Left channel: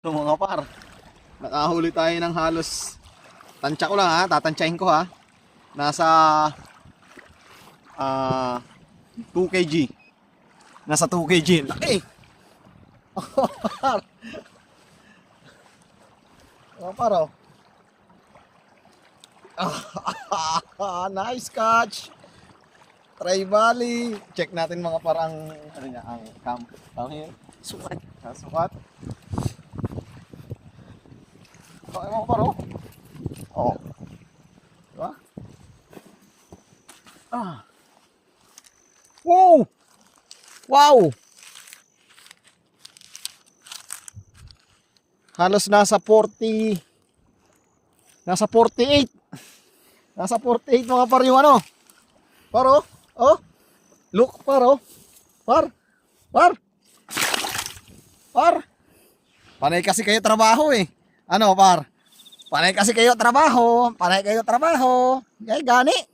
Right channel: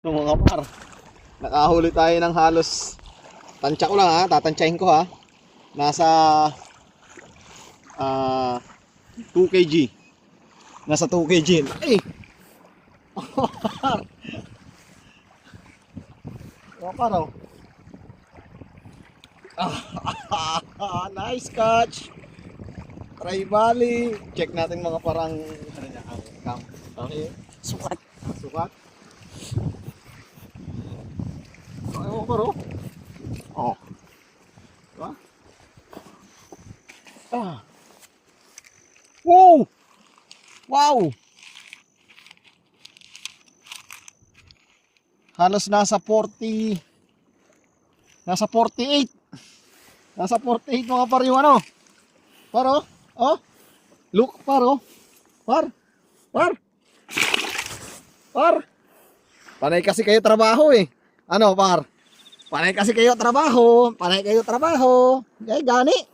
So mga par, nakahuli tayo ng halos, tansya ko lang ha, tatansyahin ko ha. Nasa 2 kg. Nasa 2 kg. Eh! Mga par oh. Nice catch! Tribali. Check natin mga parang ano niya, ang cam. Okay. Sukat. Sukat. Mga par oh. Oh. Diba? Wow! Wow! Halos nasa 40, nasa 48. Nasa 48 mga par yung ano. Par oh. Oh. Look par oh. Par. Par. Par. Panay kasi kayo trabaho eh. Ano par? Panay kasi kayo trabaho. Panay kayo trabaho. Ay gani.